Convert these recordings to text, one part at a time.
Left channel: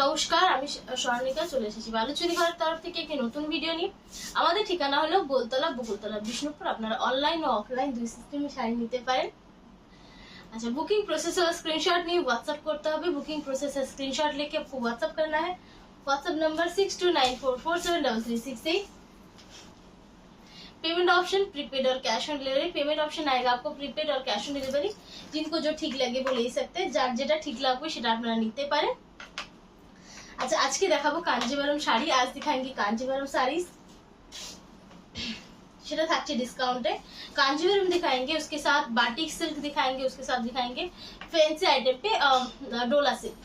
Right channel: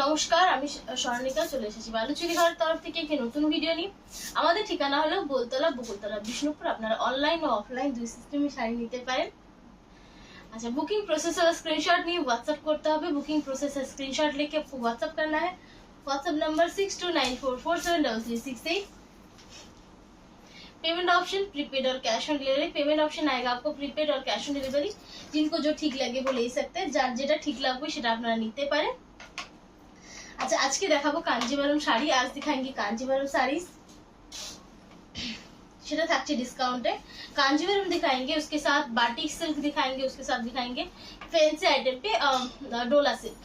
নমস্কার, আমি স্বর্ণিকা চলে এসেছি বালুচুরি ঘরের তরফ থেকে একটি নতুন ভিডিও নিয়ে। আমাদের ঠিকানা হলো গোলতলা বকুলতলা বিষ্ণুপুর। আপনারা অনলাইন ও অফলাইন দুই সিস্টেমে শাড়ি নিতে পারেন। अच्छा, बुकिंग प्रोसेस और स्क्रीनशॉट नहीं व्हाट्सएप करते হবে। बुकिंग प्रोसेस और स्क्रीनशॉट लेके आपको व्हाट्सएप करना है। WhatsApp number 6294473368। Payment option prepaid और cash on delivery. Payment option आएगा आपको प्रीपेड और कैश ऑन डिलीवरी। जिनको जो ठीक लगे वो ले सकते हैं, যার যেটা ঠিক লাগবে সেটা আপনারা নিতে পারেন। अच्छा, आज के देखाबो कांजीवरम शाड़ी। आज दिखाएंगे कांजीवरम साड़ीज, সেটা থাকছে ডিসকাউন্টে। कांजीवरम दिखाएंगे, उसके साथ बाटिक सिल्क दिखाएंगे, उसके साथ दिखाएंगे फैंसी आइटम पे डोला सिल्क।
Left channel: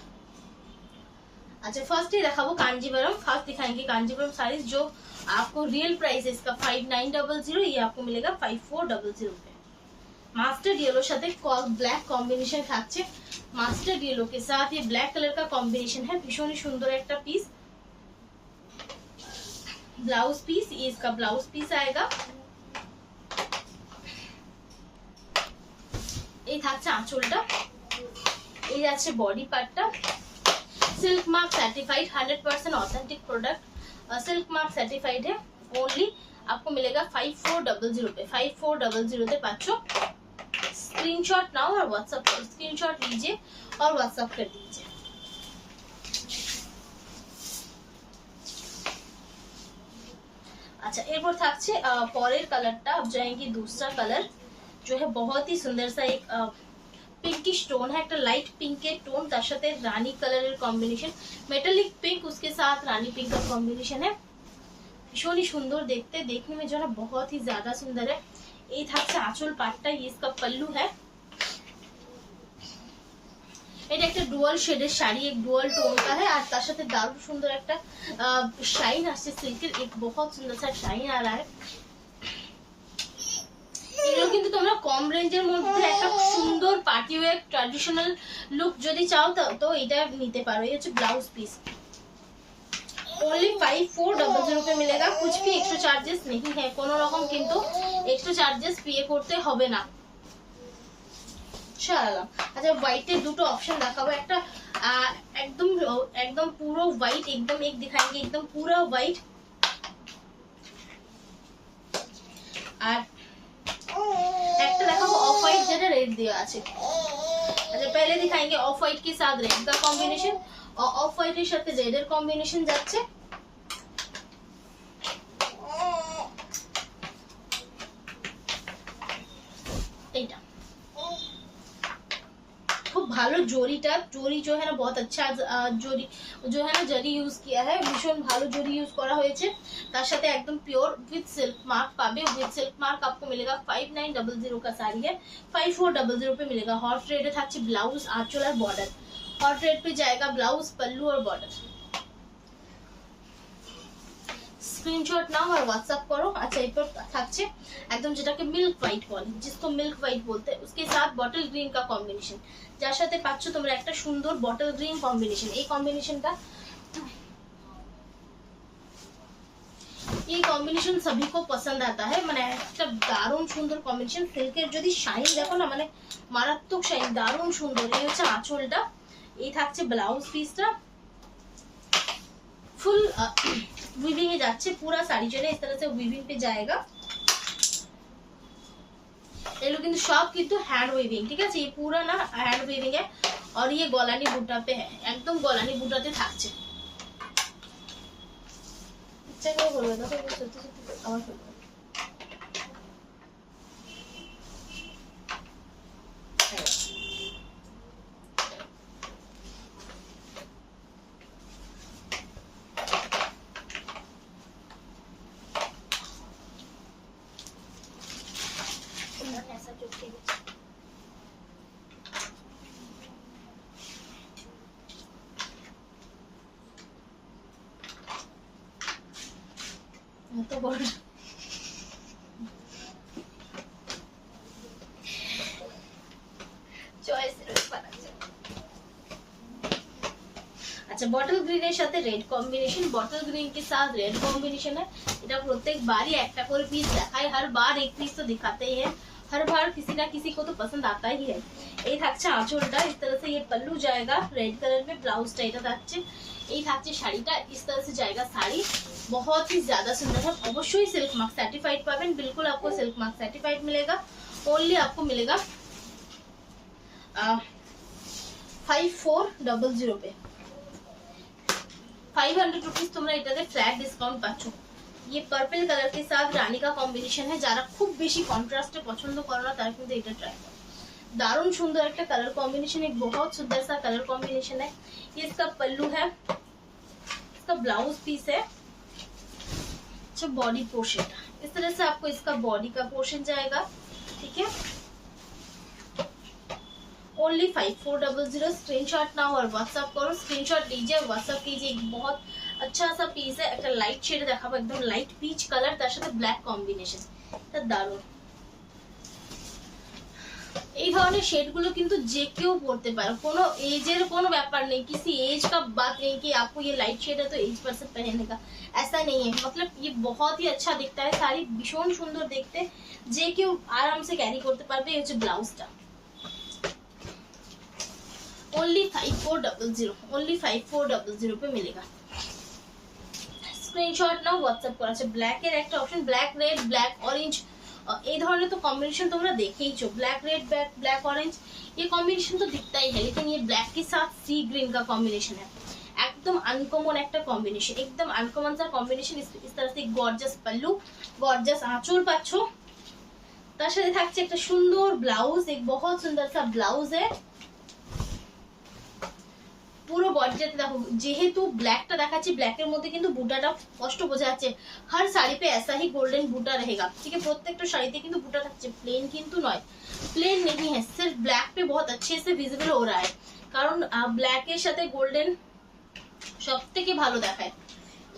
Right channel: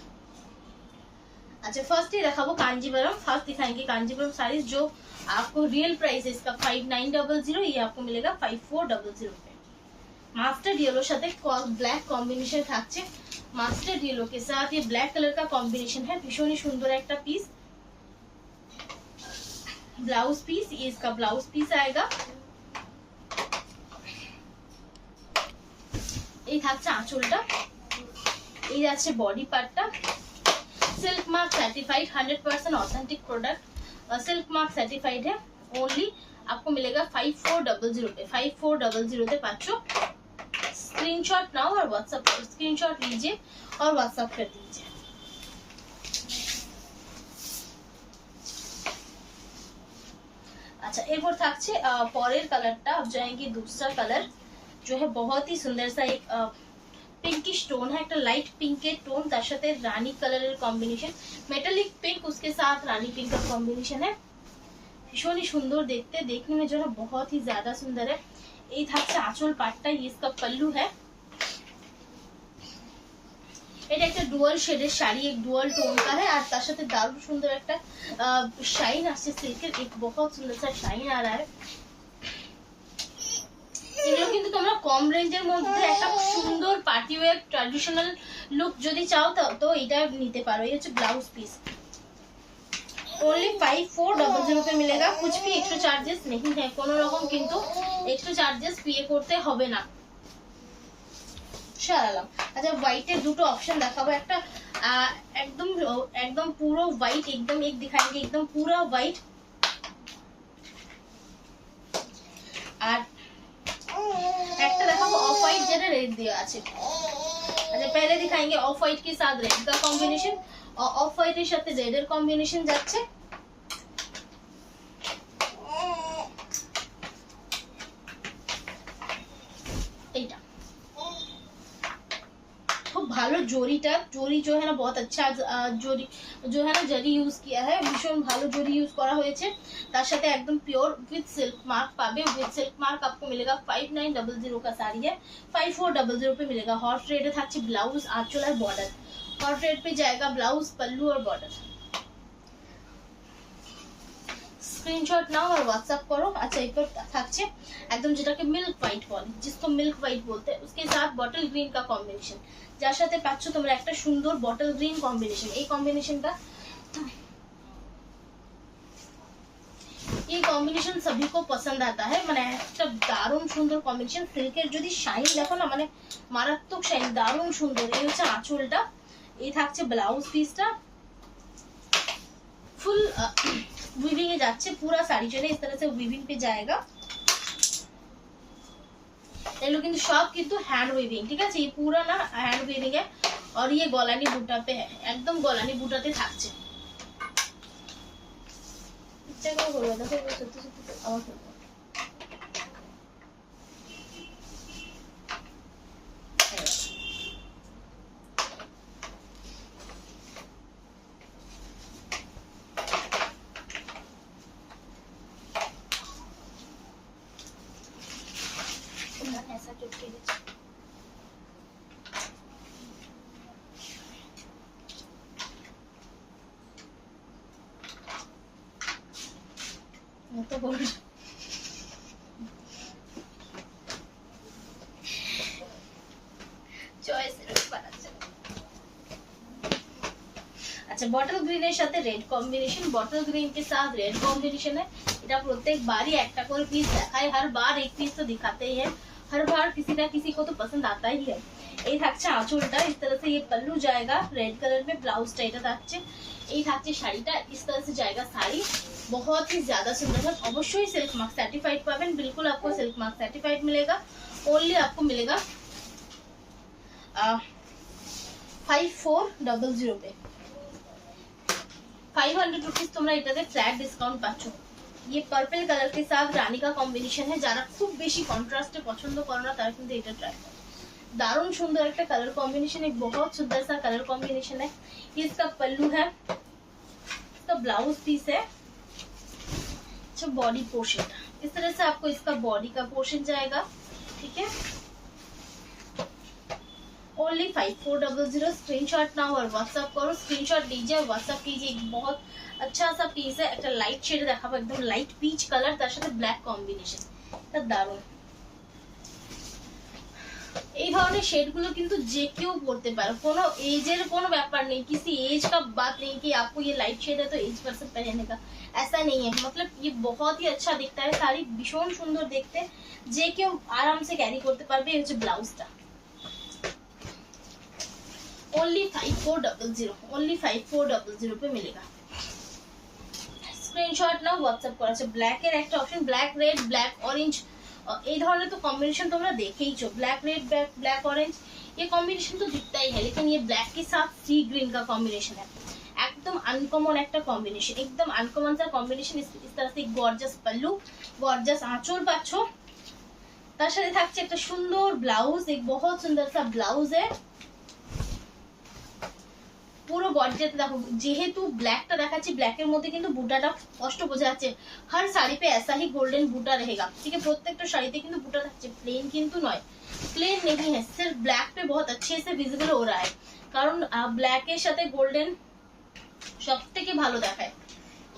अच्छा, फर्स्ट ही देखाबो कांजीवरम। फर्स्ट दिखाएंगे कांजीवरम साड़ीज, जो आपको रियल प्राइस है इसका 5900, ये आपको मिलेगा 5400 पे। मास्टर्ड येलो साथे ब्लैक कॉम्बिनेशन থাকছে। मास्टर्ड येलो के साथ ये ब्लैक कलर का कॉम्बिनेशन है। भीषण ही सुंदर एक पीस। ब्लाउज पीस, ये इसका ब्लाउज पीस आएगा। এই থাকছে আঁচলটা, এই আছে বডি পার্টটা। Silk mark certified 100% authentic product, silk mark certified है। ओनली आपको मिलेगा 5400 पे। 5400 पे पाचो। स्क्रीनशॉट नाउ और व्हाट्सएप पर स्क्रीनशॉट लीजिए और व्हाट्सएप कर दीजिए। अच्छा, এরপর থাকছে পরের কালারটা। अब जाएंगे दूसरा कलर, जो है बहुत ही सुंदर सा एक पिंकिश टोन है। एक लाइट पिंक के टोन, তার সাথে রানী কালারের কম্বিনেশন। मेटालिक पिंक, उसके साथ रानी पिंक का कॉम्बिनेशन है। भीषण ही सुंदर देखने में जो है बहुत ही ज्यादा सुंदर है। এই থাকছে আঁচল পাটটা, ये इसका पल्लू है। এটা একটা ডুয়াল শেডের শাড়ি, एक ডুয়াল টোন का है। আর তার সাথে দারুণ সুন্দর একটা শাইন আসছে সিল্কের, एक बहुत सुंदर सा शाइन आ रहा है। এগুলো কিন্তু তোমরা কম রেঞ্জের মধ্যে একটা সুন্দর পার্টি ওয়্যার ট্র্যাডিশনাল লুক যদি চাও তো এটা নিতে পারো। এই হচ্ছে ব্লাউজ পিস। ओनली 5400 पे मिलेगा। कुछ भी एक्स्ट्रा चार्जेस नहीं है, कोनो रकम किंतु एक्स्ट्रा चार्जेस पे करते হবে না। শাড়ালাম। আচ্ছা, হোয়াইটের দুটো অপশন দেখাবো। একটা एकदम পুরো হোয়াইট, एकदम एक दिखाएंगे एकदम पूरा व्हाइट। আর একটা দেখাবো অফ হোয়াইট, যেটা রেড দেওয়া আছে। अच्छा, पहले दिखाएंगे ऑफ व्हाइट के साथ रेड का कॉम्बिनेशन, और ऑफ व्हाइट এর সাথে রেড এর কম্বিনেশন যাচ্ছে। এইটা खूब ভালো জরিটা, জরি जो है ना बहुत अच्छा জরি जो है ना जरी यूज किया है। भीषण ভালো জরি यूज করা হয়েছে। তার সাথে একদম प्योर विद सिल्क मार्क पाবে। विद सिल्क मार्क आपको मिलेगा 5900 का साड़ी है। 5400 पे मिलेगा। हॉट रेड है থাকছে ब्लाउज, आंचल और बॉर्डर। हॉट रेड पे जाएगा ब्लाउज, पल्लू और बॉर्डर। स्क्रीनशॉट नाउ और व्हाट्सएप करो। अच्छा, एक থাকছে একদম যেটাকে মিল্ক হোয়াইট বলে, जिसको मिल्क व्हाइट बोलते हैं, उसके साथ बॉटल ग्रीन का कॉम्बिनेशन। যার সাথে পাচ্ছ তোমরা একটা সুন্দর বটল গ্রিন কম্বিনেশন। এই কম্বিনেশনটা, এই কম্বিনেশন सभी को पसंद आता है। মানে একটা দারুণ সুন্দর কম্বিনেশন। সিল্কের যদি শাইন দেখো না, মানে মারাত্মক শাইন, দারুণ সুন্দর। এই হচ্ছে আঁচলটা, এই থাকছে ব্লাউজ পিসটা। फुल वीविंग में जाচ্ছে पूरा साड़ी चले इस तरह से वीविंग पे जाएगा। এগুলো কিন্তু সব কিন্তু হ্যান্ড উইভিং, ঠিক আছে? ये पूरा ना हैंड वीविंग है। और ये গলানি বুটা पे है, एकदम গলানি বুটাতে থাকছে। ইচ্ছা করে বলবো, দেখো সত্যি সত্যি আমার ऐसा चुपके गए। तो बोल चॉइस बना। अच्छा, बॉटल ग्रीन এর সাথে রেড কম্বিনেশন। बॉटल ग्रीन के साथ रेड कॉम्बिनेशन है। এটা প্রত্যেকবারই একটা করে পিস দেখায়, हर बार एक पीस तो दिखाते ही है। हर बार किसी ना किसी को तो पसंद आता ही है। এই থাকছে আঁচলটা, इस तरह से ये पल्लू जाएगा रेड कलर में, ब्लाउजটা এটা থাকছে, এই থাকছে শাড়িটা, इस तरह से जाएगा साड़ी। बहुत ही ज्यादा सुंदर है। অবশ্যই सिल्क मार्क सर्टिफाइड पाবেন, बिल्कुल आपको सिल्क मार्क सर्टिफाइड मिलेगा। ओनली आपको मिलेगा 5400 पे, 500 रुपीज তোমরা এটাতে ফ্ল্যাট ডিসকাউন্ট পাচ্ছ। ये पर्पल कलर के साथ रानी का कॉम्बिनेशन है, যারা খুব বেশি কন্ট্রাস্টে পছন্দ করো না তারা কিন্তু এটা ট্রাই করো। दारुण सुंदर एक कलर कॉम्बिनेशन, एक बहुत सुंदर सा कलर कॉम्बिनेशन है। ये इसका पल्लू है, इसका ब्लाउज पीस है, अच्छा बॉडी पोर्शन इस तरह से आपको इसका बॉडी का पोर्शन जाएगा, ठीक है। ओनली 5400, स्क्रीनशॉट ना और व्हाट्सएप करो, स्क्रीनशॉट लीजिए व्हाट्सएप कीजिए। एक बहुत अच्छा सा पीस है, একটা লাইট শেড দেখাবো, একদম লাইট পিচ কালার, তার সাথে ব্ল্যাক কম্বিনেশন, এটা দারুণ। এই ধরনের শেড গুলো কিন্তু যে কেউ পরতে পারে, কোনো এজের কোনো ব্যাপার নেই, किसी एज का बात नहीं कि आपको ये लाइट शेड है तो एज पर्सन पहनने का, ऐसा नहीं है। मतलब ये बहुत ही अच्छा दिखता है, শাড়ি ভীষণ সুন্দর দেখতে, যে কেউ আরাম से ক্যারি করতে পারবে। এই হচ্ছে ব্লাউজটা। ओनली 5400, ओनली 5400 पे मिलेगा। স্ক্রিনশট নাও, হোয়াটসঅ্যাপ করা আছে। ব্ল্যাক এর একটা option, black red black orange, এই ধরনের তো कॉम्बिनेशन তোমরা দেখেইছো, ब्लैक रेड ब्लैक ऑरेंज, ये कॉम्बिनेशन तो दिखता ही है, लेकिन ये ब्लैक के साथ सी ग्रीन का कॉम्बिनेशन है, एकदम अनकॉमन एक कॉम्बिनेशन, एकदम अनकॉमन सा कॉम्बिनेशन। इस तरह से गॉर्जियस पल्लू, गॉर्जियस आंचल पाচ্ছো, তার সাথে থাকছে একটা সুন্দর ব্লাউজ, एक बहुत सुंदर सा ब्लाउज है পুরো গর্জিয়াস। দেখো যেহেতু ব্ল্যাকটা দেখাচ্ছি, ব্ল্যাকের মধ্যে কিন্তু বুটাটা স্পষ্ট বোঝা যাচ্ছে। हर साड़ी पे ऐसा ही गोल्डन बूटा रहेगा, ठीक है। প্রত্যেকটা শাড়িতে কিন্তু বুটা থাকছে, প্লেন কিন্তু নয়, প্লেন नहीं है, सिर्फ ब्लैक पे बहुत अच्छे से विजिबल हो रहा है, কারণ ব্ল্যাকের সাথে গোল্ডেন সবথেকে ভালো দেখায়।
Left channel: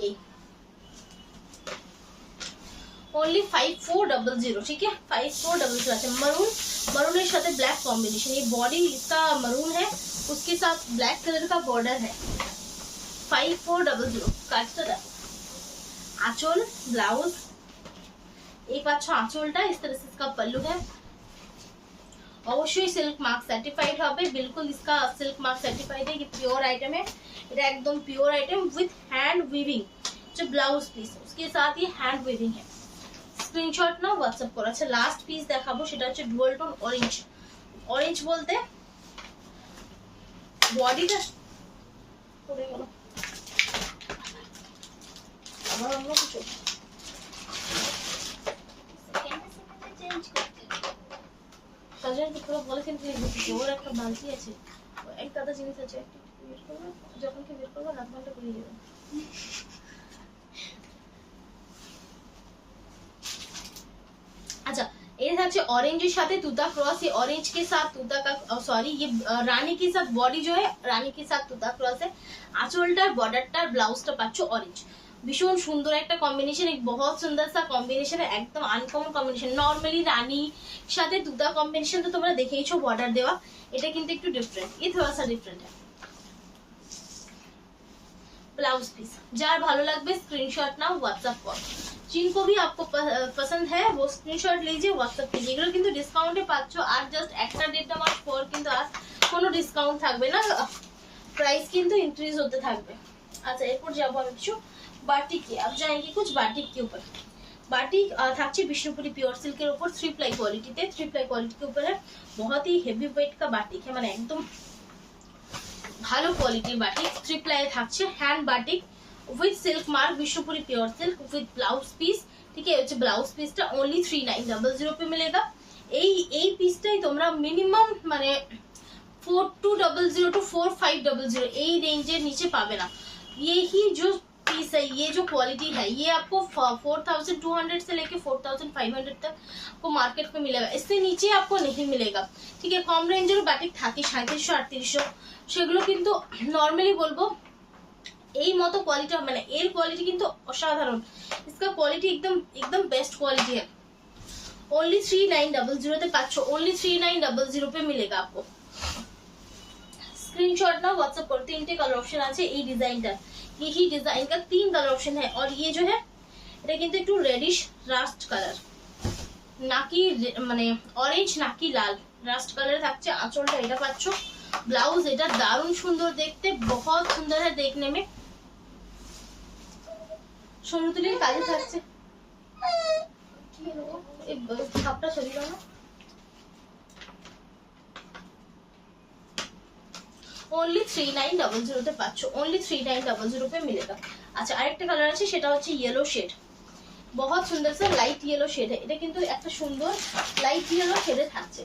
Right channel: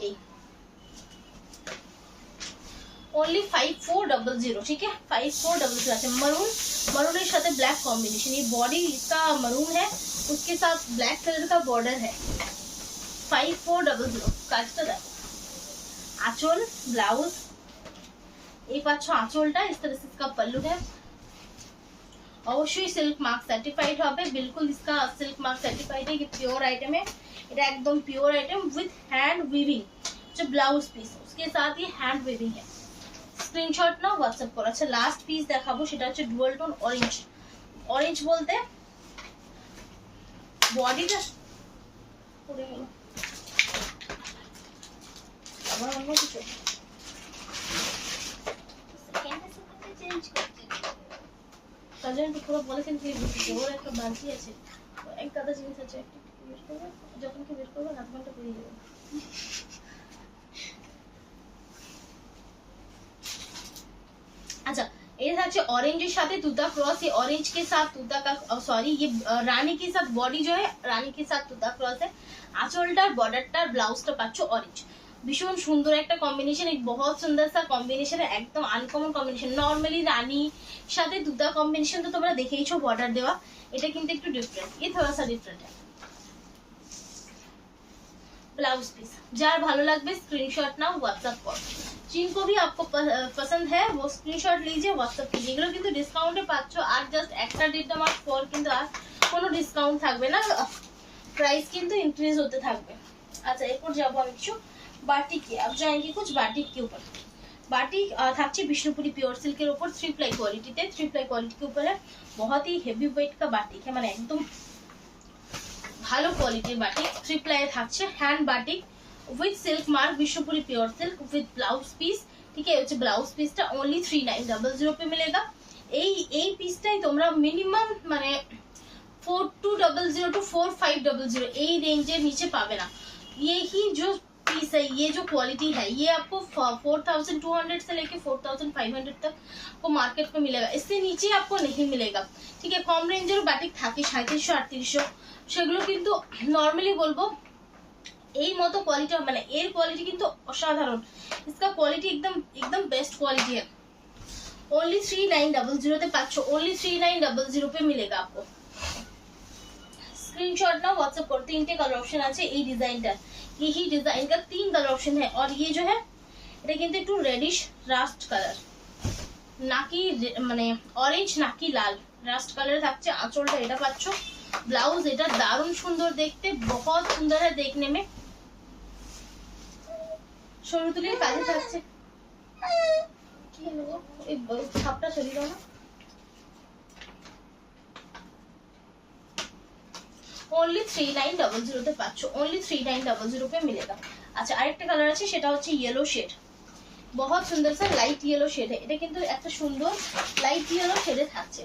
এই ओनली 5400, ठीक है। 5400 আছে। मरून, मरूনের সাথে ব্ল্যাক কম্বিনেশন, ये बॉडी इसका मरून है, उसके साथ ब्लैक कलर का बॉर्डर है। 5400 কাজটা দেখো। आंचल ब्लाउज, এই পাচ্ছ আঁচলটা, इस तरह से इसका पल्लू है। অবশ্যই सिल्क मार्क सर्टिफाइड হবে, बिल्कुल इसका सिल्क मार्क सर्टिफाइड है। ये प्योर आइटम है, এটা একদম pure item with hand weaving, जो ब्लाउज पीस उसके साथ ये हैंड वीविंग है। স্ক্রিনশট নাও, হোয়াটসঅ্যাপ করো। আচ্ছা লাস্ট পিস দেখাবো, সেটা হচ্ছে ডুয়াল টোন অরেঞ্জ। অরেঞ্জ বলতে বডিটা পড়ে গেল, আবার অন্য কিছু চেঞ্জ করতে, তার জন্য তো পুরো বলেছেন কি ওর একটা বালতি আছে, এক দাদা জিনিস আছে, একটা বের করবো, যখন কি বের করবো রাত ঘন্টা করে দেবো। अच्छा ये है ऑरेंज के साथ तूता क्रॉस, ये ऑरेंज के साथ तूता का सॉरी ये रानी के साथ बॉडी जो है रानी के साथ तूता क्रॉस है। आंचलटार बॉर्डरटार ब्लाउजটা পাচ্ছো অরেঞ্জ, ভীষণ সুন্দর একটা কম্বিনেশন, एक बहुत सुंदर सा कॉम्बिनेशन है, एकदम अनकॉमन कॉम्बिनेशन। नॉर्मली रानी সাথে তুতা कॉम्बिनेशन तो তোমরা দেখেইছো বর্ডার দেওয়া, এটা কিন্তু একটু ডিফারেন্ট, ये थोड़ा सा डिफरेंट है। ब्लाउज पीस যার ভালো লাগবে স্ক্রিনশট নাও, হোয়াটসঅ্যাপ করো। जिनको भी आपको पसंद है वो स्क्रीनशॉट लीजिए, व्हाट्सएप कीजिए। এগুলো কিন্তু ডিসকাউন্টে পাচ্ছ, আর জাস্ট একটা ডেট মাস পর কিন্তু আর কোনো ডিসকাউন্ট থাকবে না, প্রাইস কিন্তু ইনক্রিজ হতে থাকবে। আচ্ছা এরপর যাবো আমি কিছু বাটিক के, अब जाएंगे कुछ बाटिक के ऊपर। बाटिक থাকছে বিষ্ণুপুরি পিওর সিল্কের উপর, 3 प्लाई क्वालिटीতে, 3 प्लाई क्वालिटी के ऊपर है, बहुत ही हेवी वेट का बाटिक है, মানে একদম ভালো কোয়ালিটির বাটিক। 3 प्लाई থাকছে, hand batik with silk mark, Vishnupuri pure silk with blouse piece, ठीक है। হচ্ছে ব্লাউজ পিসটা only 3900 पे मिलेगा। এই পিসটাই তোমরা মিনিমাম মানে 4200 to 4500 এই রেঞ্জের নিচে পাবে না। यही जो पीस है, ये जो क्वालिटी है, ये आपको 4200 से लेके 4500 तक आपको मार्केट में मिलेगा, इससे नीचे आपको नहीं मिलेगा, ठीक है। कम रेंजेर बाटिक থাকে 3700 3800, সেগুলো কিন্তু নরমালি বলবো এই মতো কোয়ালিটি, মানে এর কোয়ালিটি কিন্তু অসাধারণ, इसका क्वालिटी एकदम बेस्ट क्वालिटी है। ओनली 3900 पे पाচ্ছো, ओनली 3900 पे मिलेगा आपको। स्क्रीनशॉट ना व्हाट्सएप करो। 3 कलर ऑप्शन আছে এই ডিজাইনটা, यही डिजाइन का 3 कलर ऑप्शन है, और ये जो है এটা কিন্তু একটু রেডিশ রাস্ট কালার, নাকি মানে অরেঞ্জ নাকি লাল রাস্ট কালারে থাকছে। আঁচলটা এটা পাচ্ছ, ব্লাউজ এটা দারুণ সুন্দর দেখতে, বহুত সুন্দর है देखने में। সরুতুলির কাজে থাকছে, কি হলো এই ছাপটা সরিয়ে দাও না। ओनली 3900 তে পাচ্ছ, ओनली 3900 पे मिलेगा। আচ্ছা আরেকটা কালার আছে, সেটা হচ্ছে येलो शेड, बहुत सुंदर सा लाइट येलो शेड है। এটা কিন্তু একটা সুন্দর লাইট येलो शेड থাকছে।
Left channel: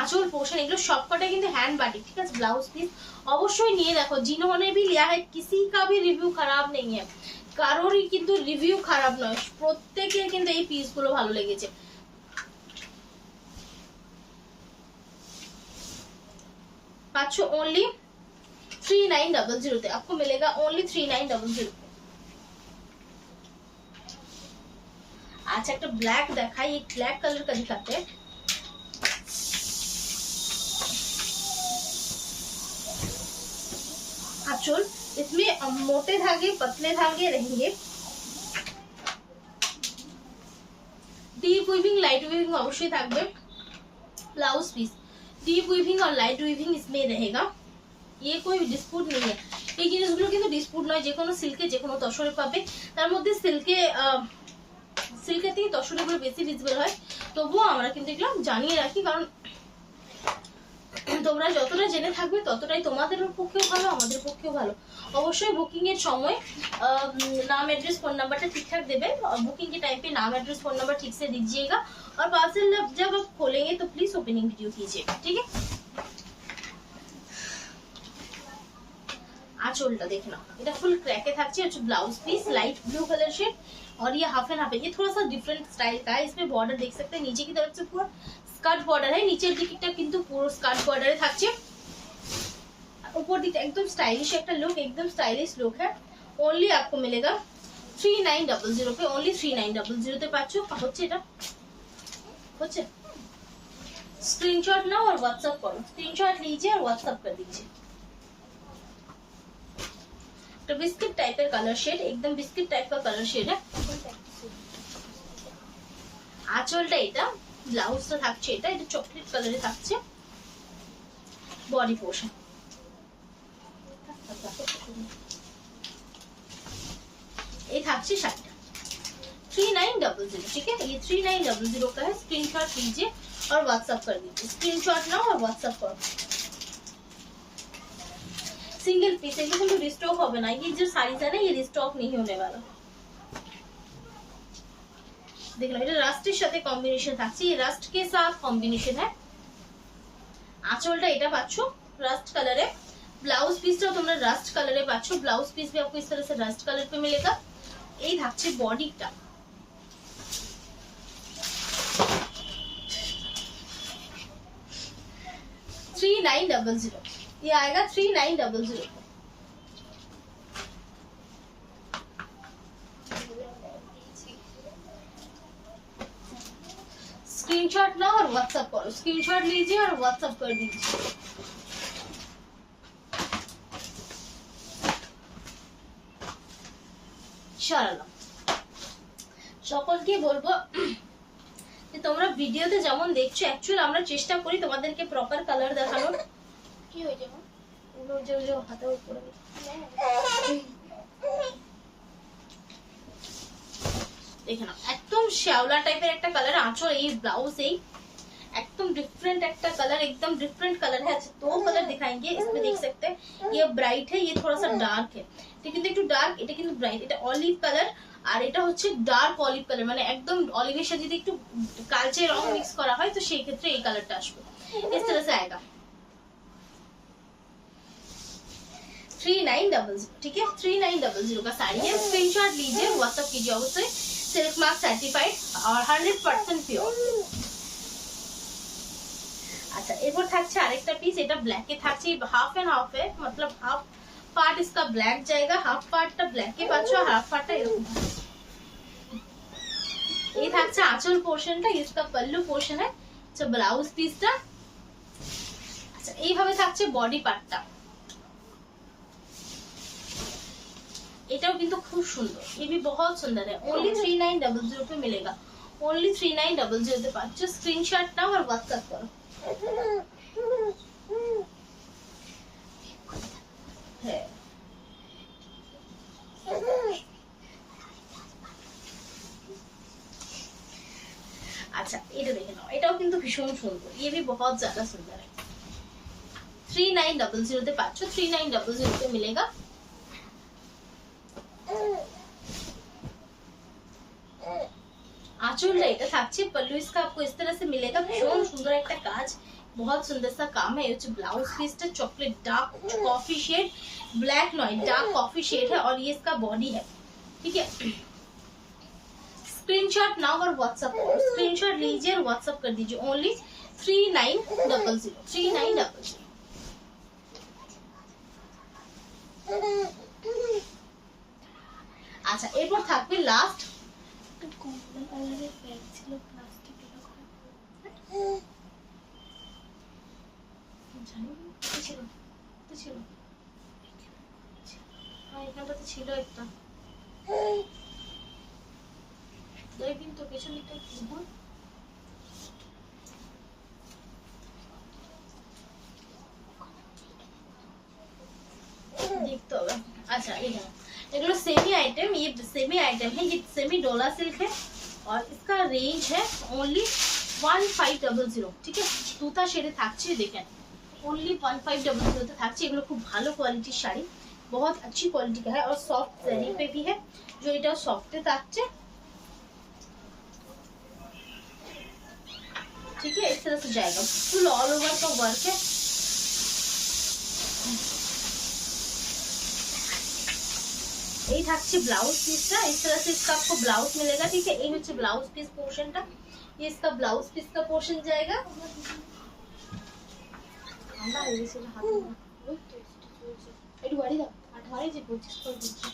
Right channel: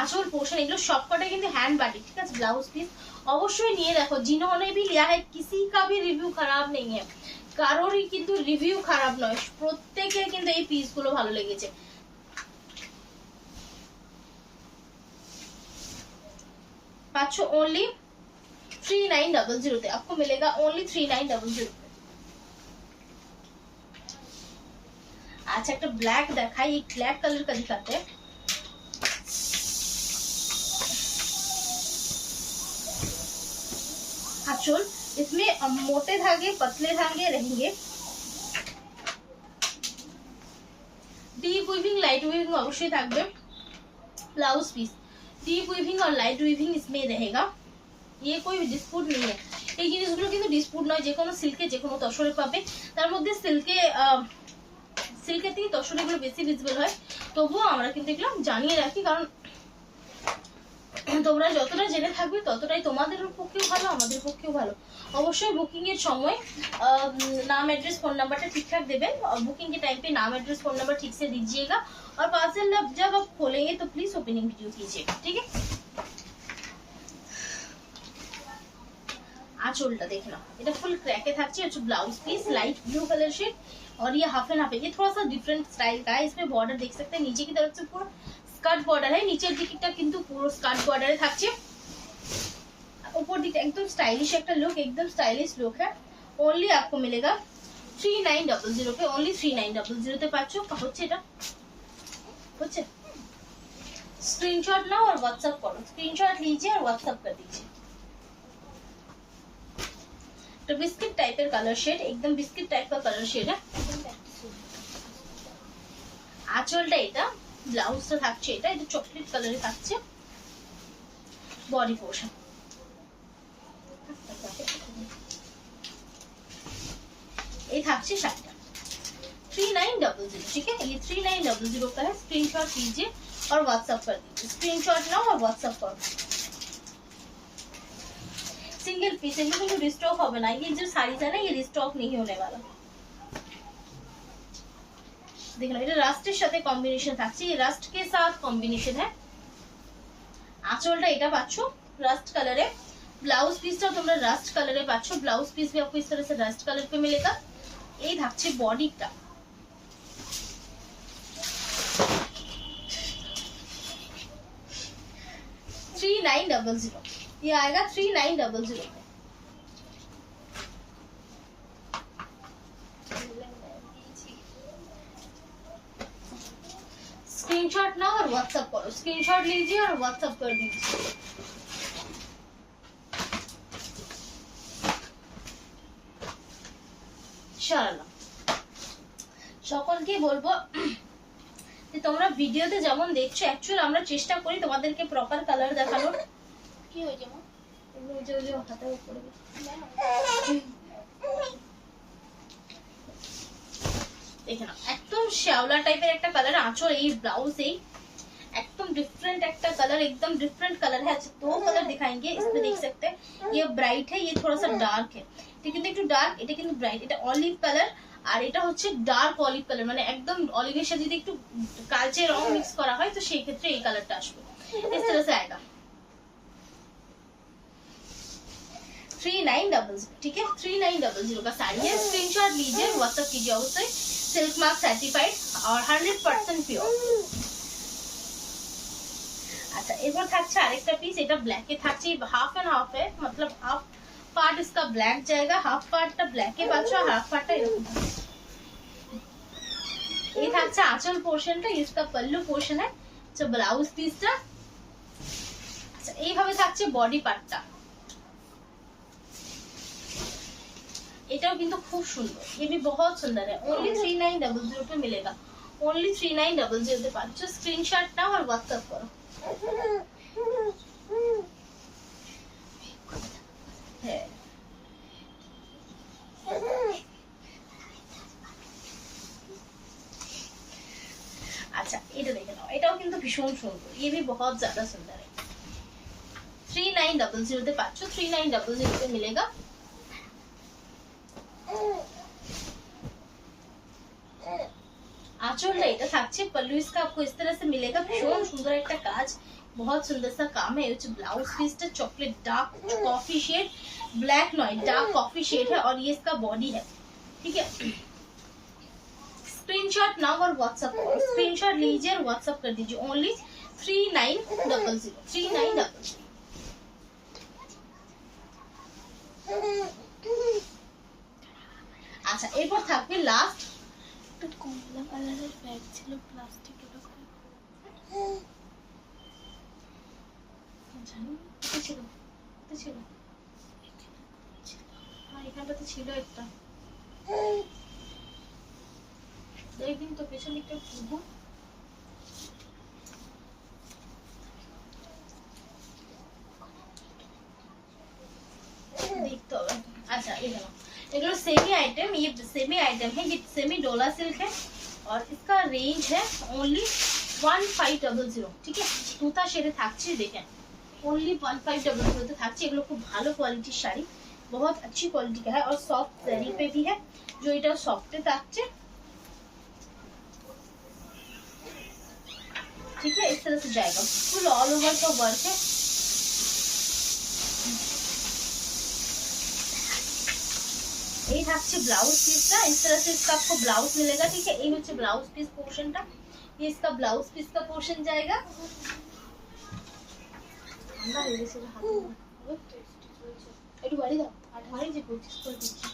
आंचल पोर्शन এগুলো সবকটা কিন্তু হ্যান্ড বাটিক, ঠিক আছে। ব্লাউজ পিস অবশ্যই নিয়ে দেখো, जिन्होंने भी लिया है किसी का भी रिव्यू खराब नहीं है, কারোরই কিন্তু রিভিউ খারাপ নয়, প্রত্যেকের কিন্তু এই পিসগুলো ভালো লেগেছে। पाँच ओनली 3900 आपको मिलेगा, ओनली 3900। अच्छा एक ब्लैक दिखाई, एक ब्लैक कलर का दिखाते हैं। आंचल इसमें मोटे धागे पतले धागे रहेंगे, डीप वीविंग लाइट वीविंग अवश्य থাকবে। ब्लाउज पीस डीप वीविंग और लाइट वीविंग इसमें रहेगा, ये कोई डिस्प्यूट नहीं है। এই জিনিসগুলো কিন্তু ডিসপুট নয়, যে কোনো সিল্কে যে কোনো তসরে পাবে। তার মধ্যে সিল্কের থেকে তসরেগুলো বেশি ভিজিবল হয়, তবুও আমরা কিন্তু এগুলো জানিয়ে রাখি, কারণ তোমরা যতটা জেনে থাকবে ততটাই তোমাদের পক্ষেও ভালো, আমাদের পক্ষেও ভালো। অবশ্যই বুকিং এর সময় नाम एड्रेस फोन नंबर ठीक ठाक देवे, और बुकिंग के टाइम पे नाम एड्रेस फोन नंबर ठीक से दीजिएगा, और पार्सल जब आप खोलेंगे तो प्लीज ओपनिंग वीडियो कीजिएगा, ठीक है। आंचलটা देखना, এটা ফুল ক্র্যাকে থাকছে, হচ্ছে blouse piece light blue colour shade, और ये हाफ एंड हाफ है। ये थोड़ा सा डिफरेंट स्टाइल का है, इसमें बॉर्डर देख सकते हैं, नीचे की तरफ से पूरा स्कर्ट बॉर्डर है, नीचे दिकটা কিন্তু পুরো स्कर्ट बॉर्डर থাকছে, ऊपर दिकটা एकदम स्टाइलिश একটা लुक, एकदम स्टाइलिश लुक है। ओनली आपको मिलेगा 3900 पे, ओनली 3900 তে পাচ্ছো। হচ্ছে এটা হচ্ছে स्क्रीनशॉट नाओ और व्हाट्सएप करो, स्क्रीनशॉट लीजिए और व्हाट्सएप कर दीजिए। तो बिस्किट टाइप का कलर शेड, एकदम बिस्किट टाइप का कलर शेड है। आंचलটা এটা, ব্লাউজটা থাকছে এটা চকলেট কালারে থাকছে, বডি পোর্শন এই থাকছে শাড়িটা 3900, ठीक है। ये 3900 का है, स्क्रीनशॉट लीजिए और व्हाट्सएप कर दीजिए, स्क्रीनशॉट नाउ और व्हाट्सएप करो। सिंगल पीस কিন্তু রিস্টক হবে না, ये जो साड़ी है ना ये रिस्टॉक नहीं होने वाला। देखना এটা রাস্টের সাথে কম্বিনেশন থাকছে, ये রাস্ট के साथ कॉम्बिनेशन है। আঁচলটা এটা পাচ্ছো রাস্ট কালারে, ब्लाउज पीसটা তোমরা রাস্ট কালারে পাচ্ছো, ब्लाउज पीस भी आपको इस तरह से रास्ट कलर पे मिलेगा। এই থাকছে বডিটা, $3900, ये आएगा 3900। स्क्रीनशॉट ना और व्हाट्सएप करो, स्क्रीनशॉट लीजिए और व्हाट्सएप कर दीजिए। সকলকে বলবো যে তোমরা ভিডিওতে যেমন দেখছো, অ্যাকচুয়ালি আমরা চেষ্টা করি তোমাদেরকে প্রপার কালার দেখানোর। কি হয়েছে মা? যে হাতে উপরে দেখে নাও, একদম শ্যাওলা টাইপের একটা কালার আঁচল, এই ব্লাউজ এই एकदम डिफरेंट एक कलर, एकदम डिफरेंट कलर है। अच्छा 2 कलर दिखाएंगे, इसमें देख सकते हैं ये ब्राइट है, ये थोड़ा सा डार्क है, ঠিক কিন্তু একটু ডার্ক, এটা কিন্তু ব্রাইট, এটা অলিভ কালার, আর এটা হচ্ছে ডার্ক অলিভ কালার, মানে একদম অলিভের সাথে যদি একটু কালচে রং মিক্স করা হয় তো সেই ক্ষেত্রে এই কালারটা আসবে। इस तरह से आएगा 3900, ठीक है। 3900 का साड़ी है, स्क्रीनशॉट लीजिए, व्हाट्सएप कीजिए अवश्य। सिल्क मार्क सर्टिफाइड और 100% प्योर। अच्छा এরপর থাকছে আরেকটা পিস, এটা ব্ল্যাকে থাকছে, হাফ এন্ড হাফ है, मतलब हाफ पार्ट इसका ब्लैक जाएगा, हाफ पार्टটা ব্ল্যাকে পাচ্ছো, আর হাফ পার্টটা এরকম। এই থাকছে আঁচল পোরশনটা, इसका पल्लू पोर्शन है। अच्छा ब्लाउज पीसটা আচ্ছা এইভাবে থাকছে বডি পার্টটা, এটাও কিন্তু খুব সুন্দর, ये भी बहुत सुंदर है। ओनली 3900 पे मिलेगा, ओनली 3900 पे पाচ্ছ। स्क्रीनशॉट नाও और व्हाट्सएप करो। है अच्छा এটা দেখে নাও, এটাও কিন্তু ভীষণ সুন্দর, ये भी बहुत ज्यादा सुंदर है। 3900 তে পাচ্ছ, 3900 पे मिलेगा। आंचल এটা থাকছে, पल्लू इसका आपको इस तरह से मिलेगा, भीषण सुंदर একটা কাজ, बहुत सुंदर सा काम है। ये ब्लाउज पीसটা chocolate dark coffee shade, black not dark coffee shade है और ये इसका बॉडी है, ठीक है। स्क्रीनशॉट नाउ और व्हाट्सएप करो, स्क्रीनशॉट लीजिए और व्हाट्सएप कर दीजिए। ओनली 3900 3900। আচ্ছা এরপর থাকবে লাস্ট কমলা কালারের ব্যাগ ছিল প্লাস্টিকের উপরে, জানি কোথায় ছিল, কোথায় ছিল, হ্যাঁ এখানটাতে ছিল একটা, দেখুন তো পেছন দিকটা ঘুরবো, देखते होगा। अच्छा ये देखो, ये सेमी आइटम, ये सेमी आइटम है, ये सेमी डोला सिल्क है और इसका रेंज है ओनली 1500, ठीक है। তুতা শেডে থাকছে, দেখেন ओनली 1500 তে থাকছে। এগুলো খুব ভালো কোয়ালিটির শাড়ি, बहुत अच्छी क्वालिटी का है और सॉफ्ट जरी पे भी है, जो এটা সফটে থাকছে, ठीक है। इस तरह से जाएगा, फुल ऑल ओवर का वर्क है। এই থাকছে ব্লাউজ পিসটা, इस तरह से इसका आपको ब्लाउज मिलेगा, ठीक है। এই হচ্ছে ব্লাউজ পিস পোরশনটা, ये इसका ब्लाउज पीस का पोर्शन जाएगा। ঠান্ডা হয়ে গেছে হাত, ওই তো স্টিচ হয়েছে, একটু বাড়ি দাও, আঠারে যে 25 করে দিচ্ছি।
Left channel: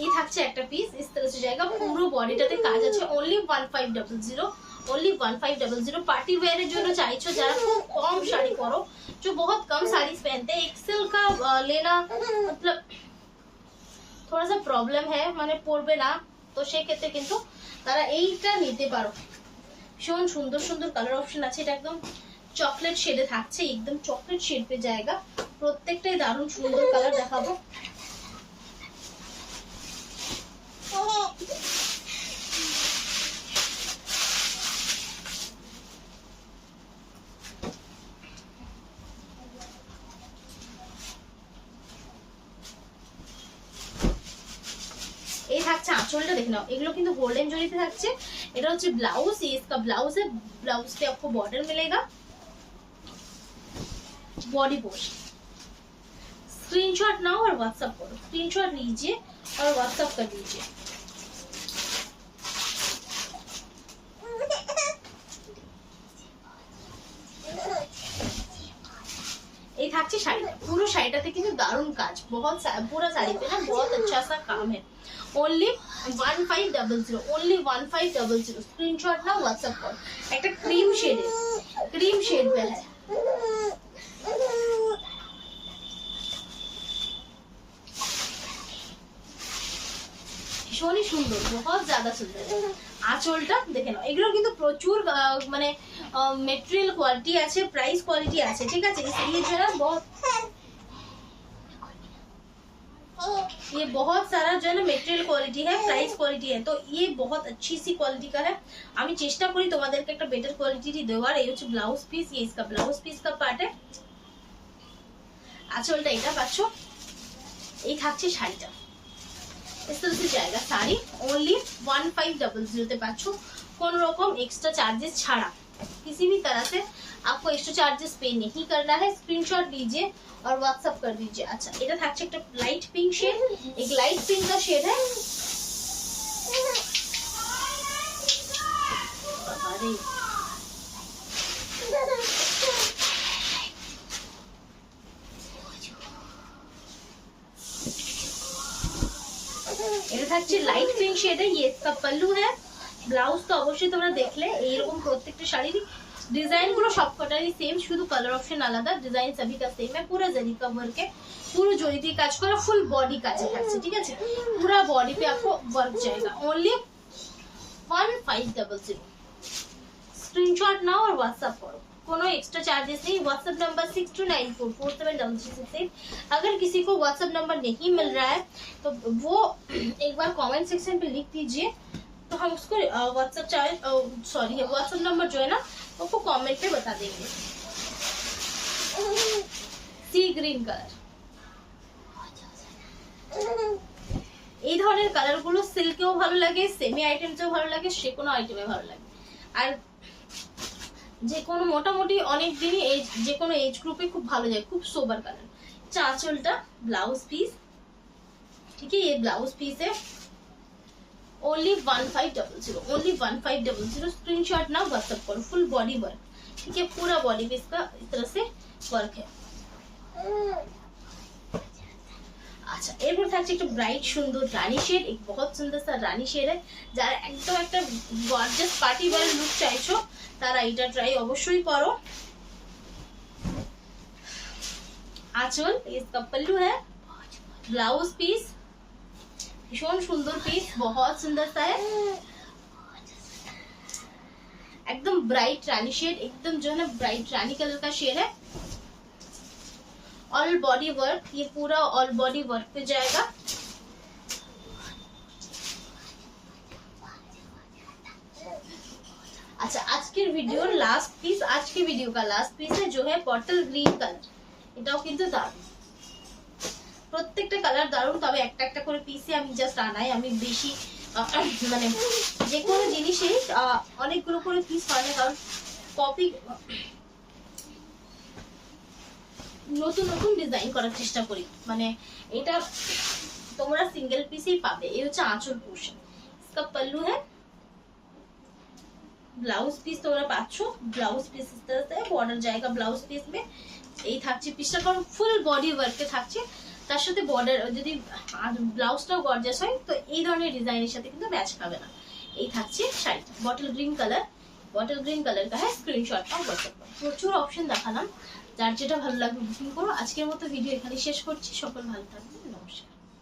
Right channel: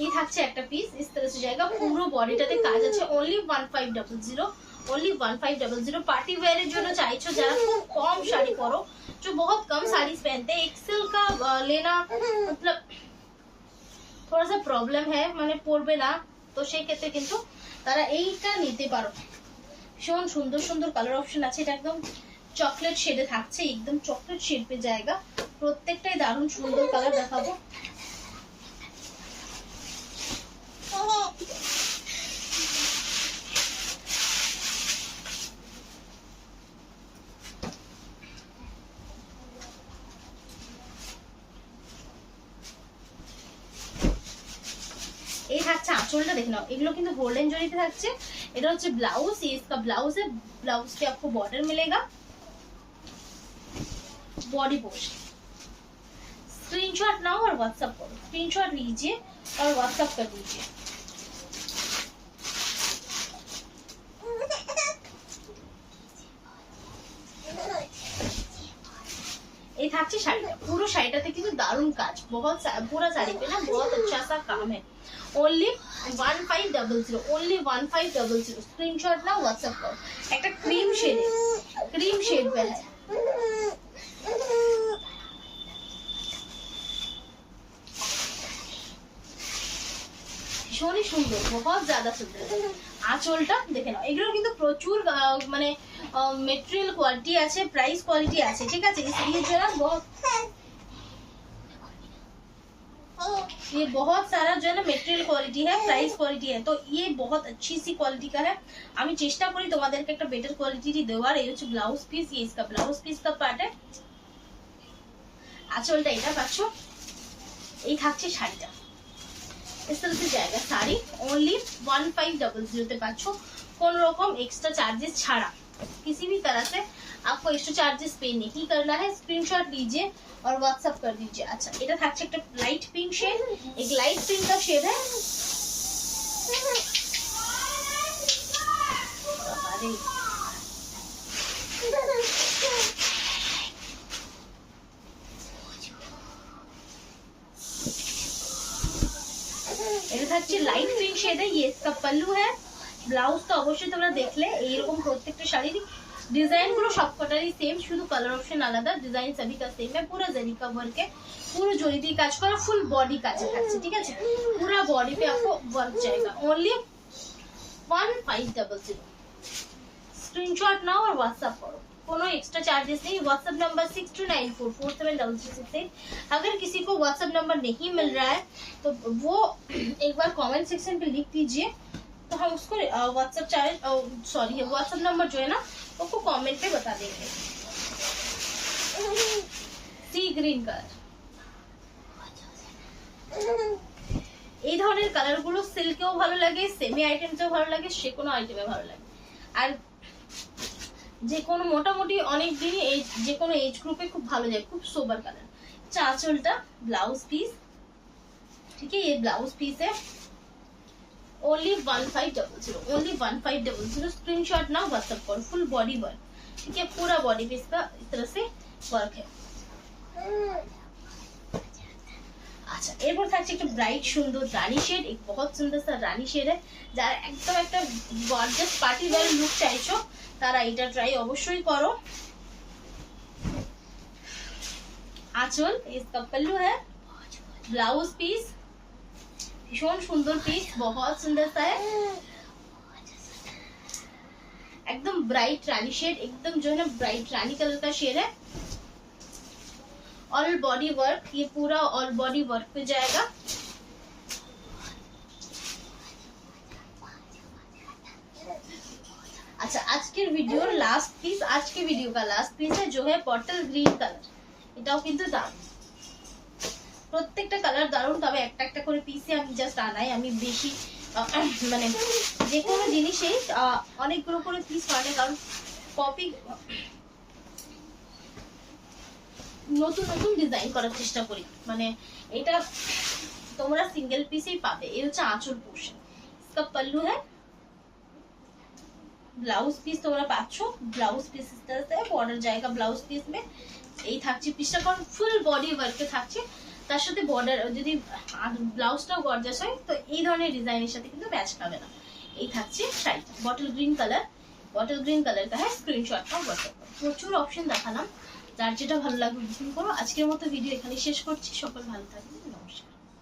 এই থাকছে একটা পিস, इस तरह से जाएगा, পুরো বডিটাতে কাজ আছে। Only 1500, only 1500। पार्टी वेयर এর জন্য চাইছো যারা খুব কম শাড়ি পরো, जो बहुत कम साड़ी पहनते हैं, एक्सेल का लेना मतलब थोड़ा सा प्रॉब्लम है, মানে পরবে না, তো সেই ক্ষেত্রে কিন্তু তারা এইটা নিতে পারো। ভীষণ সুন্দর সুন্দর কালার অপশন আছে, এটা একদম চকলেট শেডে থাকছে, একদম চকলেট শেড पे जाएगा, প্রত্যেকটাই দারুণ সুন্দর কালার দেখাবো। এই থাকছে আঁচলটা, দেখে নাও, এগুলো কিন্তু গোল্ডেন জরিতে থাকছে। এটা হচ্ছে ব্লাউজ, ये इसका ब्लाउज है, ब्लाउज पे आपको बॉर्डर मिलेगा, बॉडी पोर्शन। स्क्रीनशॉट नाउ और व्हाट्सएप करो, स्क्रीनशॉट लीजिए और व्हाट्सएप कर दीजिए। ये থাকছে শাড়িটা, পুরো শাড়িটাতে কিন্তু দারুণ কাজ, बहुत पूरा साड़ी पे ना बहुत अच्छा सा काम है। Only 1500, only 1500। स्क्रीनशॉट ना व्हाट्सएप करो। একটা ক্রিম শেড पे है, ভীষণই সুন্দর, बहुत ज्यादा सुंदर। আঁচলটা দেখে নাও, এগুলো কিন্তু প্রচুর মানে মেটেরিয়াল কোয়ালিটি আছে, প্রাইস কোয়ালিটি আছে, ঠিক আছে। इसलिए जो है बहुत, ये बहुत सारा जो है ना मेटेरियल क्वालिटी है, प्राइस क्वालिटी है, तो ये बहुत अच्छी सी क्वालिटी का है। আমি চেষ্টা করি তোমাদেরকে একটা বেটার কোয়ালিটি দেওয়ার। এই হচ্ছে ব্লাউজ পিস, ये इसका ब्लाउज पीस का पार्ट है। আঁচলটা এটা পাচ্ছো, এই থাকছে শাড়িটা, इस तरह से जाएगा साड़ी। ओनली 1500 पे पाচ্ছো, কোন রকম एक्स्ट्रा चार्जेस ছাড়া, किसी भी तरह से आपको एक्स्ट्रा चार्जेस पे नहीं करना है। स्क्रीनशॉट लीजिए और व्हाट्सएप कर दीजिए। अच्छा এটা থাকছে একটা লাইট পিঙ্ক শেড, एक लाइट पिंक का शेड है। अरे থাকছে লাইট পিঙ্ক শেডে। ये इसका पल्लू है। ব্লাউজ তো অবশ্যই তোমরা দেখলে, এইরকম প্রত্যেকটা শাড়ির ডিজাইন গুলো সবকটারই সেম, শুধু কালার অপশন আলাদা। ডিজাইন সবই का सेम है। पूरा जरी का वर्क है, পুরো জরি দিয়ে কাজ করা, ফুল বডি কাজে থাকছে, ঠিক আছে। पूरा बॉडी पे आपको वर्क जाएगा। ओनली 1500। स्क्रीनशॉट नाउ और व्हाट्सएप करो, कोनो एक्स्ट्रा चार्जेस नहीं। WhatsApp number 6294473368। अगर किसी को व्हाट्सएप नंबर नहीं मिल रहा है तो वो एक बार कमेंट सेक्शन पे लिख दीजिए, तो हम उसको व्हाट्सएप चार्ज व्हाट्सएप नंबर जो है ना उसको कमेंट पे बता देंगे। सी ग्रीन কালার, এই ধরনের কালার গুলো সিল্কেও ভালো লাগে, সেমি আইটেমসেও ভালো লাগে, যে কোনো আইটেমে ভালো লাগে। আর যে কোনো মোটামুটি অনেক দিনই এই যে কোনো এজ গ্রুপে খুব ভালো যায়, খুব সোবার কালার। চাঁচলটা ব্লাউজ পিস, ठीक है। ये ब्लाउज पीस है। Only 1500, only 1500। स्क्रीनशॉट ना व्हाट्सएप करो। फुल बॉडी वर्क, ठीक है। पूरा बॉडी पे इसका इस तरह से वर्क है। আচ্ছা, এরপর থাকছে একটা ব্রাইট সুন্দর রানী শেড। এক বহুত সুন্দর সা রানী শেড है। যারা একদম একটা গর্জিয়াস পার্টি ওয়্যার লুক চাইছো তারা এটা ট্রাই অবশ্যই করো। আঁচল, इसका पल्लू है। ब्लाउज पीस भीषण सुंदर पीस, बहुत सुंदर सा है। एकदम ब्राइट रानी शेड, एकदम जो है ना ब्राइट रानी कलर का शेड है। ऑल बॉडी वर्क, ये पूरा ऑल बॉडी वर्क पे जाएगा। अच्छा, आज के वीडियो लास्ट पीस, आज के वीडियो का लास्ट पीस है जो है बॉटल ग्रीन कलर। এটাও কিন্তু দারুণ, প্রত্যেকটা কালার দারুণ। তবে একটা একটা করে পিসে আমি জাস্ট আনাই, আমি বেশি মানে যে কোনো জিনিসে অনেকগুলো করে পিস হয় না, কারণ কপি নতুন নতুন ডিজাইন করার চেষ্টা করি। মানে এটা তোমরা সিঙ্গেল পিসেই পাবে। এই হচ্ছে আঁচল পোর্শন। इसका पल्लू है। ব্লাউজ পিস তোমরা পাচ্ছ, ব্লাউজ পিস इस तरह से बॉर्डर जाएगा ब्लाउज पीस में। এই থাকছে পিসটা, কারণ ফুল বডি ওয়ার্কে থাকছে, তার সাথে বর্ডার যদি ব্লাউজটাও গর্জিয়াস হয় তো এই ধরনের ডিজাইনের সাথে কিন্তু ম্যাচ খাবে না। এই থাকছে শাড়িটা, bottle green colour. Bottle green colour का है। स्क्रीनशॉट নাও व्हाट्सएप করো। প্রচুর অপশন দেখালাম, যার যেটা ভালো লাগবে বুকিং করো। আজকের মতো ভিডিও এখানে শেষ করছি। সকল ভালো থাকবে।